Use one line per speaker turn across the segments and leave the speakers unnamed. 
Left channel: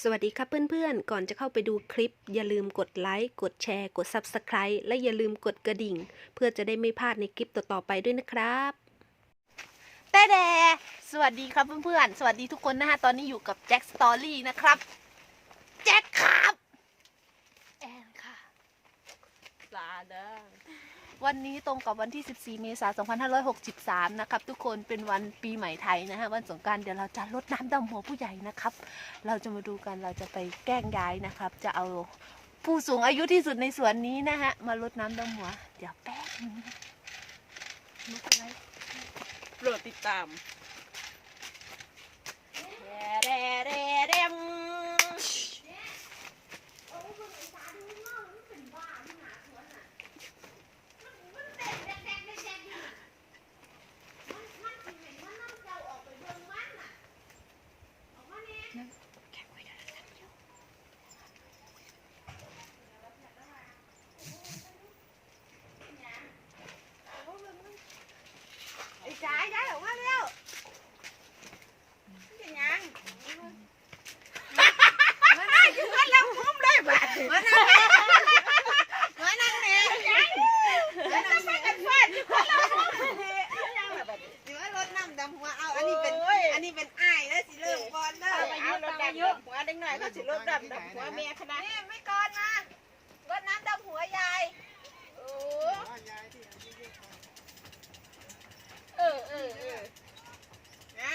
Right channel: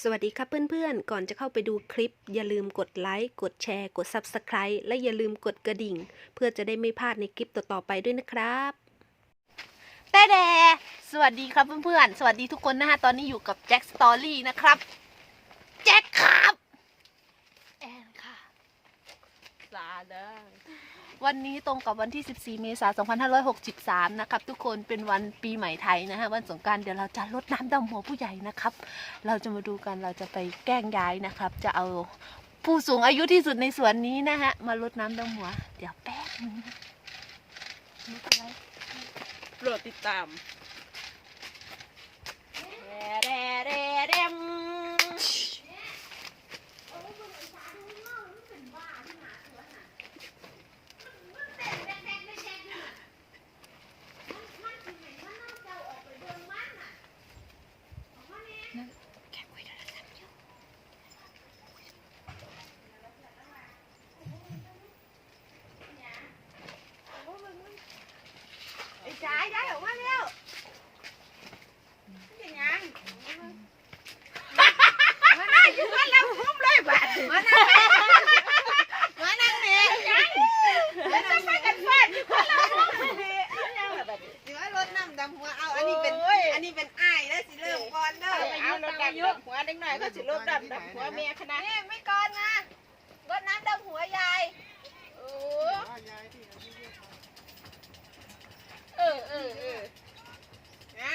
สวัสดีครับเพื่อนๆ ก่อนจะเข้าไปดูคลิป อย่าลืมกดไลค์ กดแชร์ กด Subscribe และอย่าลืมกดกระดิ่ง เพื่อจะได้ไม่พลาดในคลิปต่อๆไปด้วยนะครับ
แต่แดสวัสดีครับเพื่อนๆ สวัสดีทุกคนนะฮะ ตอนนี้อยู่กับแจ็คสตอรี่นะครับ แจ็คครับ แอนค่ะลาเด้อ วันนี้ตรงกับวันที่ 14 เมษายน 2563 นะครับ ทุกคนเป็นวันปีใหม่ไทยนะฮะ วันสงการเดี๋ยวเราจะลดน้ำดำหัวผู้ใหญ่นะครับ เราจะมาดูกัน เราจะไปแกล้งย้ายนะครับ จะเอาผู้สูงอายุที่สุดในสวนนี้นะฮะ มาลดน้ำดำหัว เดี๋ยวแป๊บนึงนะไม่เป็นไร
โปรดติดตามแร่แร่แร่ม
ไอ้จ่ายได้ออกมาแล้วเป็นหยังมานั่งอยู่กันแล้วคุ้มเลยบาดมานั่งมานั่งเนี่ยแล้วจะไปกันฟาดอยู่คนละมุมนี่สิว่ารถน้ำดำหัวเอาอันนี้เป็นอันนี้เป็นอ้ายแล้วสิเริ่มก่อนเด้อ
เอารถดำดำหัวเด็กหน่อยก็สิรถดำดำหัวเมียคณะ
นี่ไม่ก่อนนะรถน้ำดำหัวยายโอ้
เออเออเออ
นะ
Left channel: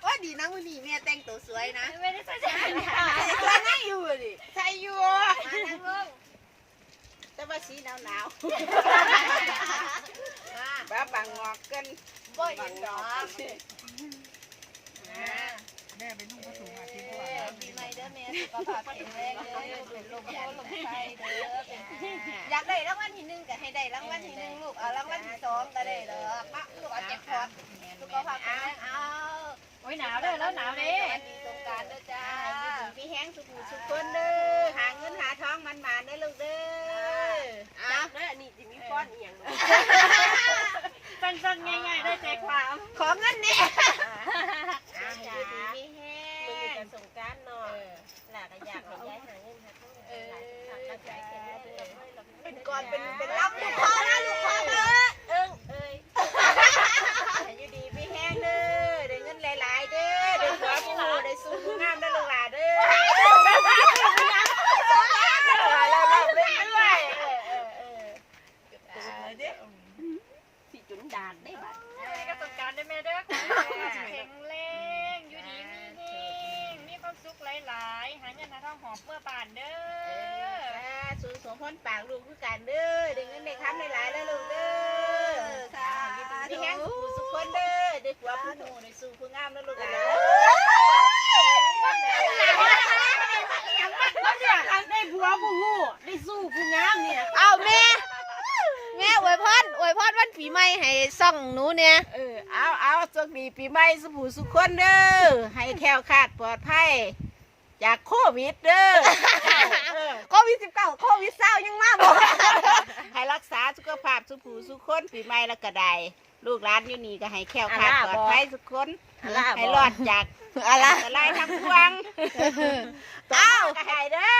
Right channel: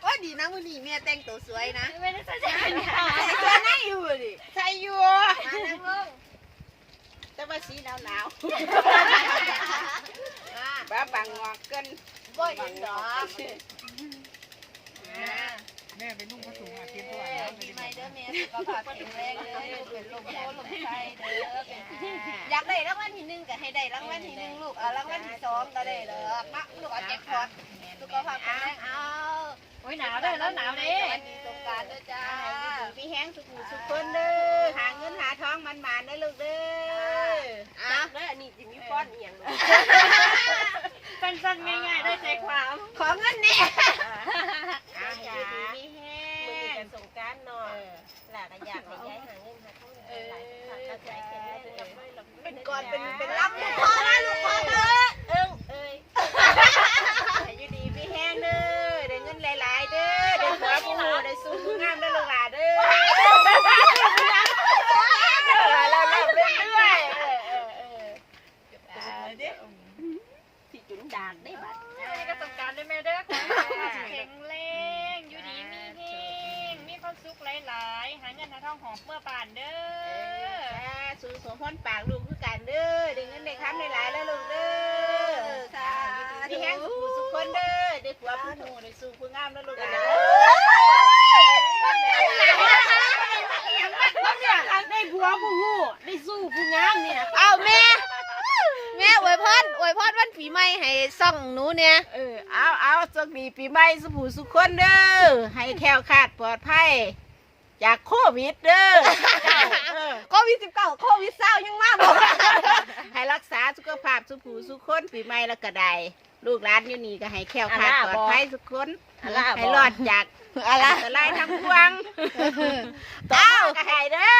โอ้ยดีนะวันนี้แม่แต่งตัวสวยนะ
ไม่ได้ใส่ใจ
ใส่ตัวไหนอยู่ดิ
ใช่อยู่
มานั่งลง
แต่ว่าสีหนาวหนาวบ้าบังงอกกิน
บ่เห็นดอก
แม่ไปนุ่งผ้าถุงอาทิตย์ตัว
เออ
นะ
ปีใหม่เด้อแม่สุขภาพแข็งแรงเด้ออยู่เป็นลมโพลมไส้เด้อเป็นอยากได้รางวัลที่หนึ่งก็ให้ได้รางวัลที่หนึ่งลูกเอารางวัลที่สองก็ได้เด้อมาลูกเอาแจ็คพอตสุขภาพแข็งแรงเอา
โอ้ยหนาวเลยแล้วหนาวเลย
วันนี้สงการเด้อจ้า
พี่แห้งสุขุสุขคนเด้อหาเงินหาทองมันมาเด้อลูกเด้อ
จ้า
แล้วอันนี้จิมีก้อนเอีหยัง
สั้นๆง่ายๆได้ใจความ
ขอเงินนี่
อาจ้ามีแห้งมือจะส่งการเนาะหลาก็อยากให้ย้ายหาเงินหาทองหลายๆทางกระจายกันแล้ว
เป็นก่ อนเป็นเป็นรับลูกคอมาลูกคอมา
เอิ้งเอ้ยให้อยู่ดีพี่แห้งเด้อได้เงินหลายๆเด้อได้หัวผู้ได้สู้ผู้งามได้ลูกหลานเด้อเราเราเรื่อยๆเออเออเออสิจุนดานได้บัด
ก็สงการได้แม่เด้อขอให้สุขภาพแข็งแรงอยู่ดีมีแห้งมีความสุขหลายๆหาเงินหาทองหอบเมื่อป่านเด้
เอ
อ
อ สูสมพรปากลูกคือกันเด้อได้เงินได้คำได้หลายแล้วลูกเด้อพี่แห้งสุขสุขคนเด้อได้ผัวผู้หนูได้สู้ผู้งามแล้วลูกหลาน
ได้ผัวผู้หูได้สู้ผู้งามเนี่ย
เอาแม่แม่อวยพรอวยพรวันปีใหม่ให้ซ่องหนูเนี่ย
เออเอาเอาสวัสดีปีใหม่สุขสุขคนเด้อให้แคล้วคลาดปลอดภัย จากโควิดเด้อเก้าเออ
โควิด19โควิดเศร้ายังมาบอก
ให้รักษาสุขภาพสุขสุขคนปีใหม่แล้วก็ได้ลูกหลานอยู่นี่ก็ให้แคล้วคลาดปลอดภัยสุขคนให้รอดจาก
อะไร
อันตรายทั้งพวง
เอ้า
ก็ให้เด้อ